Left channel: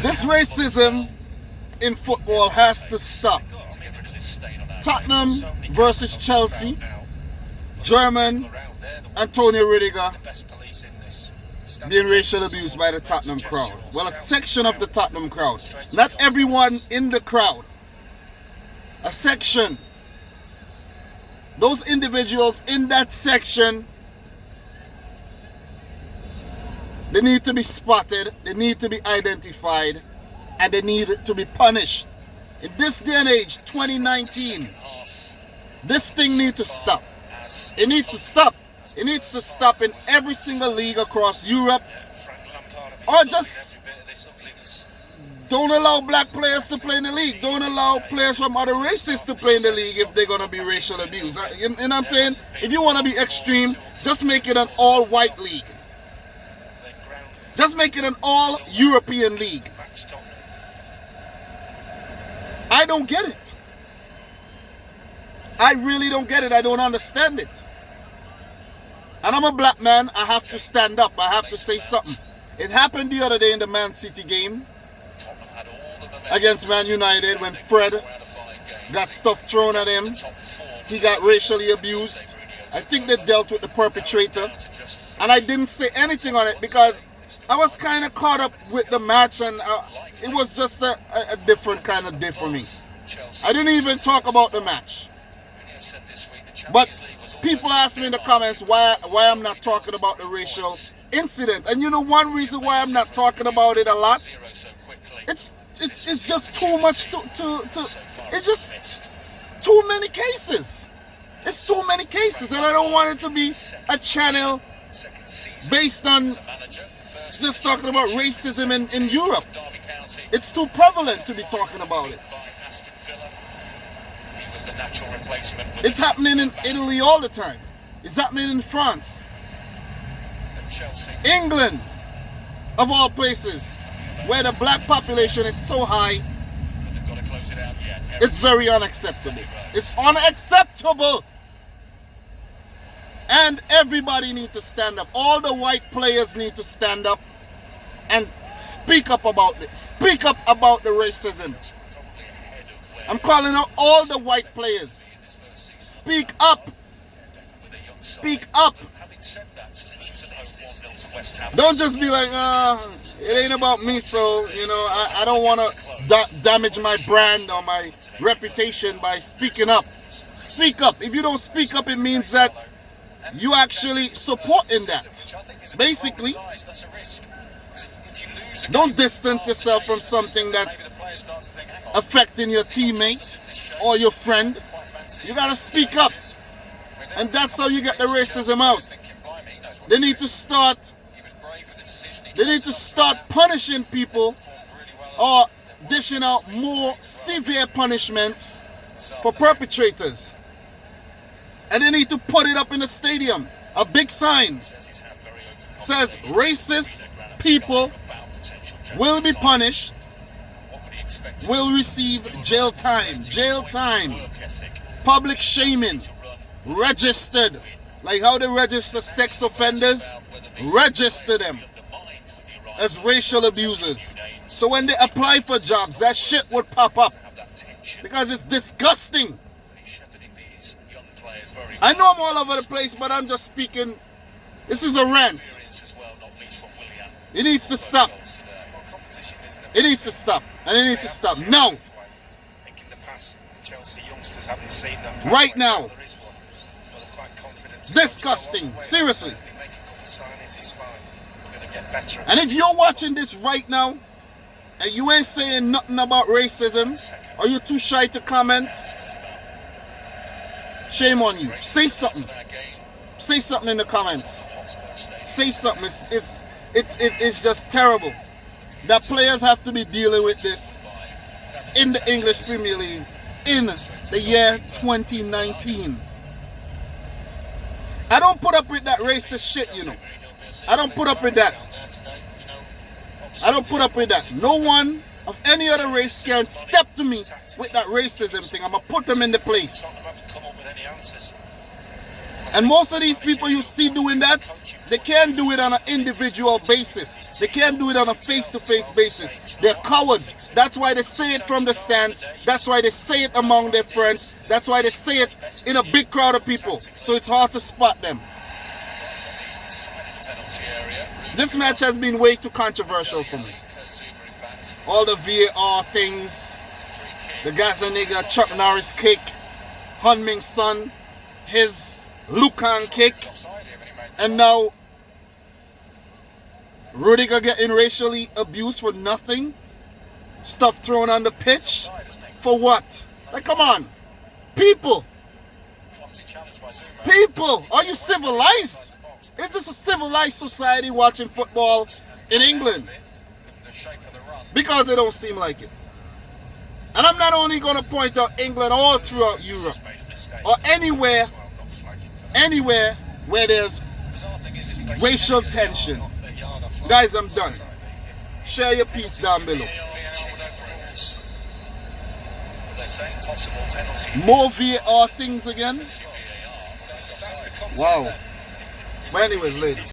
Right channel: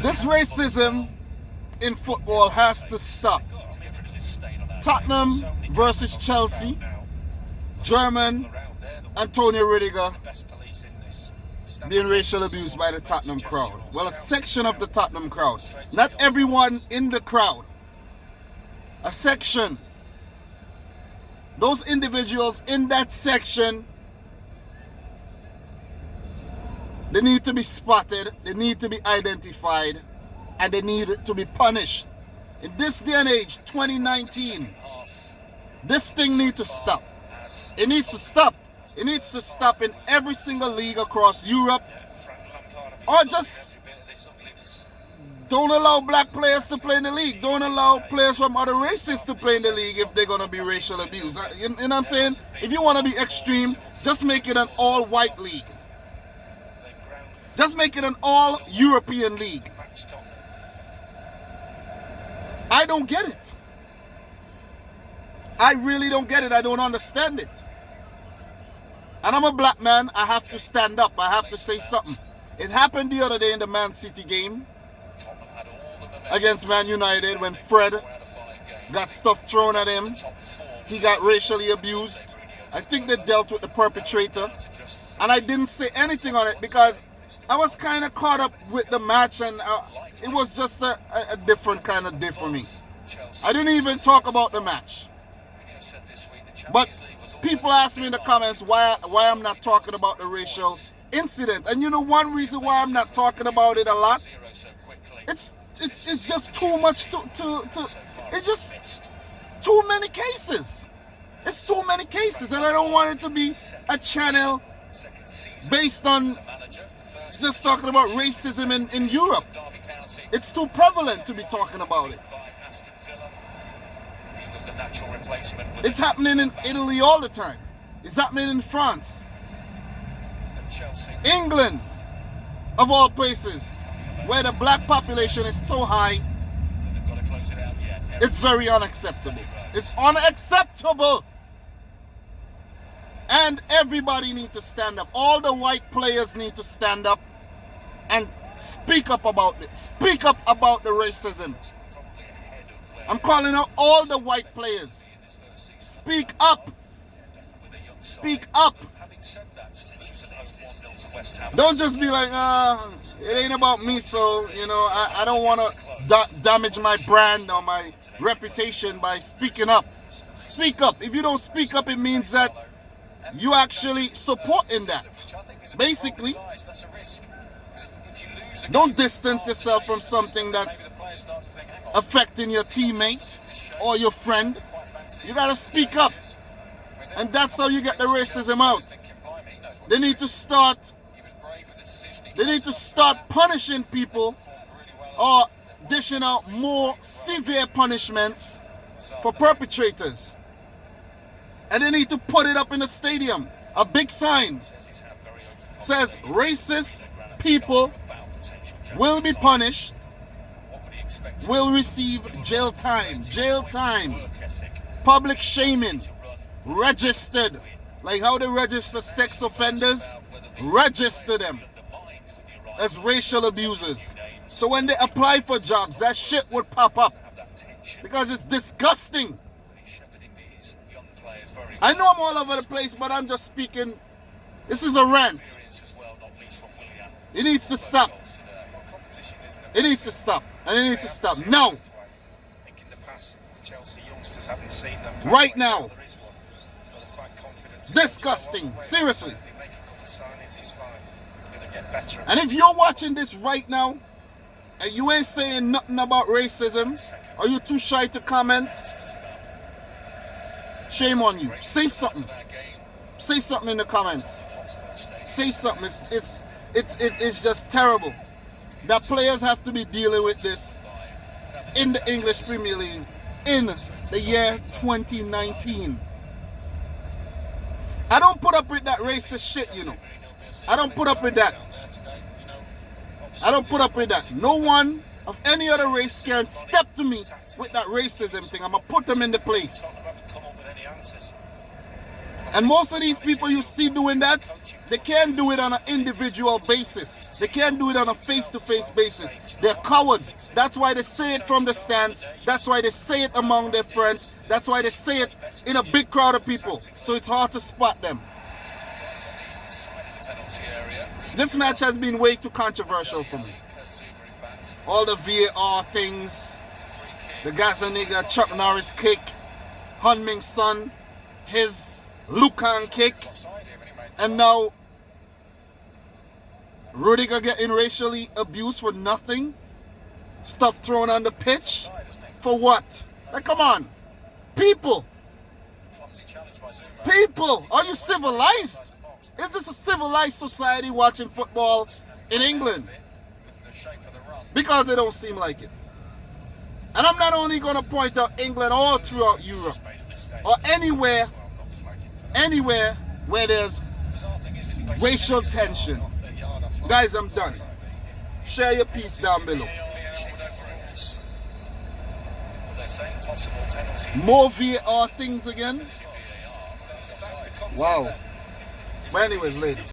This racism in football has to stop. Tottenham versus Chelsea, German Antonio Rudiger being racial abused by the Tottenham crowd. Well, a section of the Tottenham crowd. Not everyone in the crowd. A section. Those individuals in that section, they need to be spotted, they need to be identified, and they need to be punished. In this day and age, 2019, this thing needs to stop. It needs to stop. It needs to stop in every single league across Europe. Or just don't allow black players to play in the league. Don't allow players from other races to play in the league if they're going to be racial abused. You know what I'm saying? If you want to be extreme, just make it an all-white league. Just make it an all-European league. I don't get it. I really don't get it. I don't understand it. And I'm a black man. I have to stand up. I have to say something. It happened the other day in the Man City game against Man United when Fred got stuff thrown at him. He got racially abused. I think they dealt with the perpetrator. And I didn't say anything on it because I was kind of caught up with the match, and it was just a different kind of day for me. I didn't even talk about the match. But people ask me in the comments why I'm not talking about the racial incident. And you know one reason why I'm not talking about it a lot? It's just too much it's just too many cases. It's too many cases, and I don't want it to be a channel based on just talking about racism in Europe. It's too prevalent to be talking about it. It's happening in Italy all the time. It's happening in France. England, of all places, where the black population is so high, it's very unacceptable. It's unacceptable. And everybody needs to stand up. All the white players need to stand up and speak up about it. Speak up about the racism. I'm calling out all the white players. Speak up. Speak up. Don't just be like, it ain't about me, so, you know, I don't want to damage my brand or my reputation by speaking up. Speak up. If you don't speak up, it means that you actually supporting that. Basically, don't distance yourself from something that's affecting your teammate or your friend. You gotta speak up, and that's how you get the racism out. They need to start punishing people or dishing out more severe punishments for perpetrators. And they need to put it up in the stadium. A big sign says racist people will be punished, will receive jail time, public shaming, registered. Like how they register sex offenders, register them as racial abusers. So when they apply for jobs, that shit would pop up because it's disgusting. I know I'm all over the place, but I'm just speaking. This is a rant. It needs to stop. It needs to stop. And it needs to stop now. Right now. Disgusting. Seriously. And if you're watching this right now and you ain't saying nothing about racism, or you're too shy to comment, shame on you. Say something. Say something in the comments. Say something. It's just terrible that players have to be dealing with this in the English Premier League in the year 2019. I don't put up with that racist shit, you know. I don't put up with that. I don't put up with that. No one of any other race can step to me with that racism thing. I'm going to put them in the place. And most of these people you see doing that, they can't do it on an individual basis. They can't do it on a face-to-face basis. They're cowards. That's why they say it from the stands. That's why they say it among their friends. That's why they say it in a big crowd of people. So it's hard to spot them. This match has been way too controversial for me. All the VAR things, the Gaza nigga Chuck Norris kick, Heung-min's son, his Lucan kick, and now Rudiger getting racially abused for nothing, stuff thrown on the pitch, for what? Like, come on, people, are you civilized? Is this a civilized society watching football in England? Because it don't seem like it. And I'm not only going to point out England, all throughout Europe, or anywhere where there's racial tension. Guys, I'm done. Share your piece down below. More VAR things again? Wow. But anyways, ladies.